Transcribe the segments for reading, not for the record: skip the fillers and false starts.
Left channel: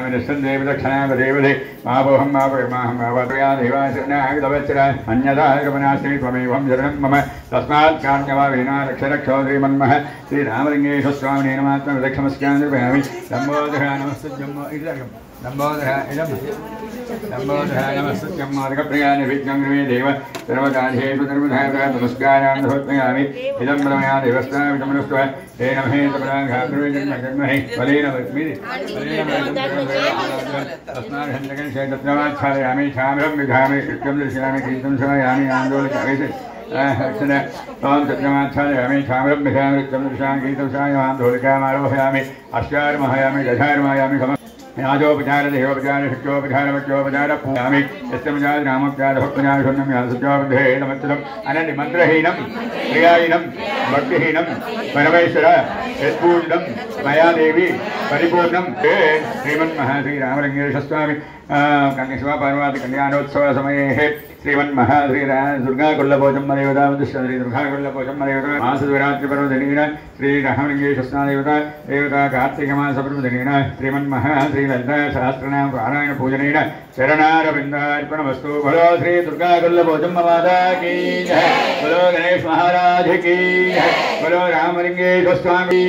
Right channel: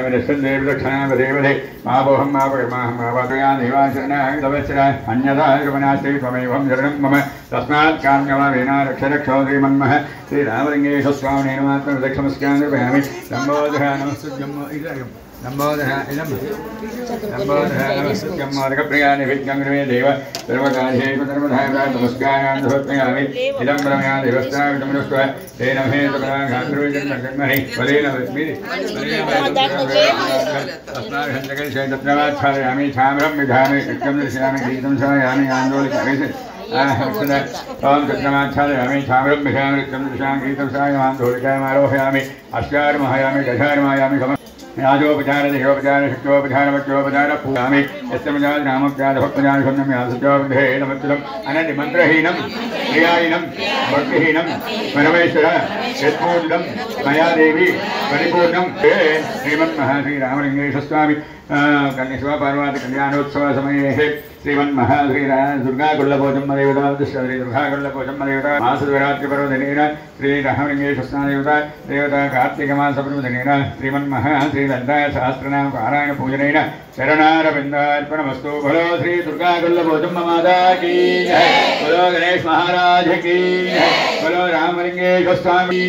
देवी दक्षिणावदेवदे मावोहं मावगमाहं मावप्रियानिवासनागतवत्सरा अन्यथा गमनास्ति त्वमेवं शरणं मम तस्मात् काम्यवावेना रक्षरक्षो श्रीमन्मः श्रीरामलिङ्गेश्वर स्वामिने नमात्मं लक्ष्मस्यानुपयामि नम्बोधः नमस्तुभ्यं नम्बोधः इदं नम्बोधः नमस्तुभ्यं मार्गप्रियानि विघ्नं मे देव सर्वकार्येषु सर्वदा नमस्कारान् समर्पयामि इदं ब्रह्मया देवस्ताविदमनुस्व तेन महेन्द्रपदाघातृजन्मजन्महि फलेन विस्मिति तस्माच्छादयामि छाम्रं विधामि कृत्यं दर्शयामि गीतं श्रावयामि आन्दोलयामि ओम चन्द्रमाच्छादयामि छाम्रं विधामि कृत्यं दर्शयामि गीतं श्रावयामि आन्दोलयामि अश्चार्महयामि दशार्महयामि याजोपचार देहोपचार शुक्योपचार वच्योपचार पूजामि यस्मजाद रामज्ञात भक्तजान शून्यं यासुचोभिधे नमस्कृतम् अननिमन्त्रहीनं प्रियाहीनं भक्तिहीनं परमेश्वर यत्पूर्णं मया देवी परिपूर्णं श्रीमन्महाश्री रामलिङ्गेश्वर स्वामी कन्या पार्वती कल्याणोत्सव समये श्रीमन्महाश्री दुर्गाकुल्लभोजम्म देवता श्री दुर्गाकुल्लभोजम्म देवता मासशिवरात्रिपर्वदिनेन श्री रामलिङ्गेश्वर स्वामी देवता कार्तिकमासपर्वदिनेन श्रीमन्महाश्री ललितासहस्रनाम पारायण पूजनेन शरणारविन्दार्पणमस्तु। बोलो श्री दुर्गाकुल्लभोजम्म माता की जय, बोलो गणेश महाराज की जय, बोलो रामलिङ्गेश्वर स्वामी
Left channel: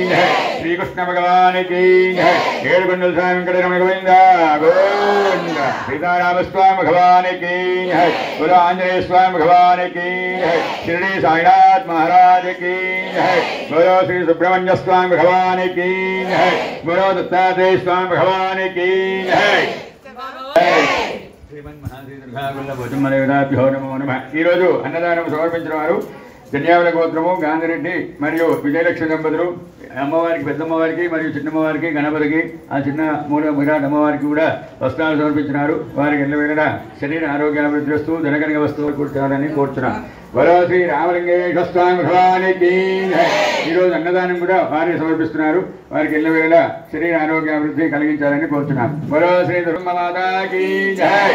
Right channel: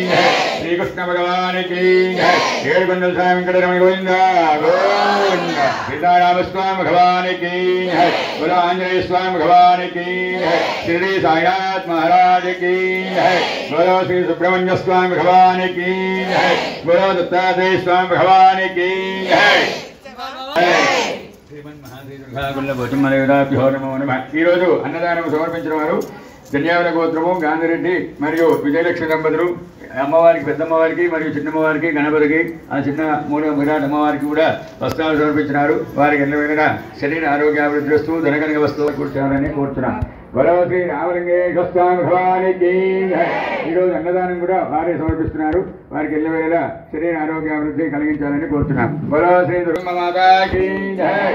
श्री कृष्ण भगवान की जय। केळुगुंडल स्वामी वेंकटरमण गोविंदा गोविंदा। सीताराम स्वामी भगवान की जय, बोलो आंजनेय स्वामी भगवान की जय, शिरडी साईनाथ महाराज की जय, बोलो श्री सुब्रह्मण्य स्वामी भगवान की जय, बोलो दत्तात्रेय स्वामी भगवान की जय। ఈరోజు అన్నదానం సమర్పించిన వారు జన్యావుల గోత్రము గాంధిరెడ్డి మరియు విజయలక్ష్మి దంపతులు అమ్మవారికి పెద్దమ్మవారికి మరియు చిన్నమ్మవారికి గణపతికి ఆ చిన్న మూల విరాట్ అమ్మవారికి కూడా వస్త్రాలు సమర్పించినారు. వారికి ఎల్లవేళ శరీర ఆరోగ్యాభివృద్ధి వస్తూ ధనకనిక వస్తువులు కూర్చారని కోరుతున్నాం. బలో శ్రీ రామలింగేశ్వర స్వామి భగవానికి ఈరోజు అన్నదానం కూడా వారే సమర్పిస్తున్నారు. వారికి ఎల్లవేళ శరీర ఆరోగ్యాభివృద్ధి కలిగించాలని కోరుతున్నాం. బలో శ్రీ దుర్గమాతాకి జై.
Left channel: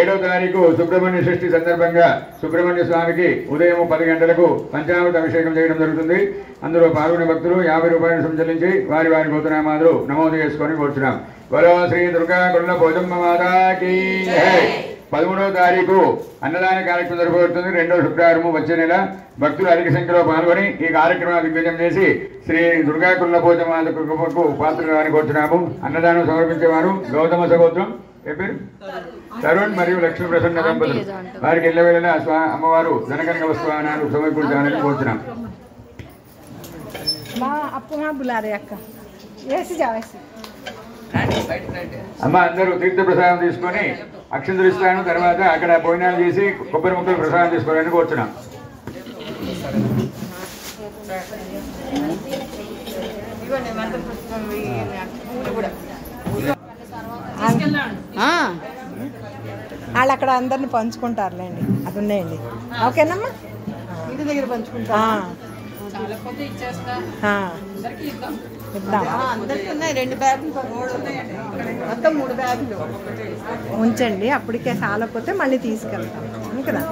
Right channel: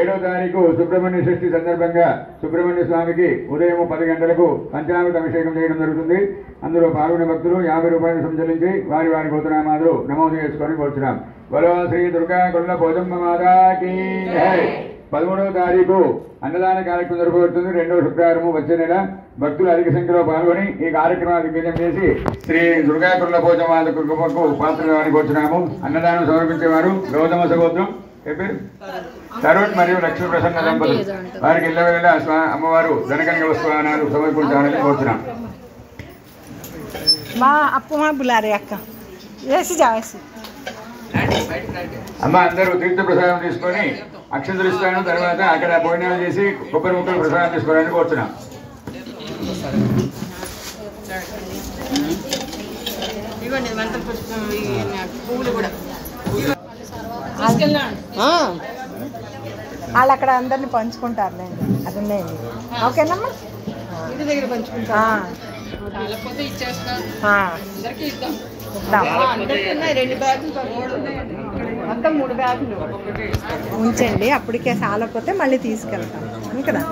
7వ తారీఖు సుబ్రహ్మణ్య షష్ఠి సందర్భంగా సుబ్రహ్మణ్య స్వామికి ఉదయం 10 గంటలకు పంచామృత అభిషేకం చేయడం జరుగుతుంది. అందులో పాల్గొనే భక్తులు 50 రూపాయలు సంచలించి వారి వారి గోత్రనామాలు నమోదు చేసుకొని కోరుతున్నాం. బలో శ్రీ దుర్గాకుల్లభోజమ్మ మాతాకి జై. 13వ తారీఖు అన్నదాన కార్యక్రమం జరగబోతుంది. 2వ శుక్రవారం వచ్చే నెల. భక్తులు అధిక సంఖ్యలో పాల్గొని ఈ కార్యక్రమాన్ని దిగ్విజయం చేసి శ్రీ దుర్గాకుల్లభోజమ్మ కృపకు పాత్రలు వారిని కోరుతున్నాము. అన్నదానం సమర్పించేవారు గౌతమ సగోత్రం తరుణ్ మరియు లక్ష్మీ ప్రసన్న దంపతులు. వారికి ఎల్లవేళ అమ్మవారు ధనకనిక వస్తువానాలు సమర్పించాలని కోరుతున్నాం. అమ్మ అందరూ తీర్థ ప్రసాదం తీసుకొని అక్షంతలు ఇస్తాను. తర్వాత అక్కడ భోజనాలు చేసి కొబ్బరి ముక్కలు ప్రసాదం తీసుకోవాలని కోరుతున్నాం. వాళ్ళు అక్కడ అందరిని పంచుకుంటారులేండి. అది ఉన్నాయండి. ఓకేనమ్మా, మొత్తం 3 బ్యాగులు ఉంచండి. అప్పటికే చాలకపోతే మళ్ళీ తీసుకెళ్తాం కదా.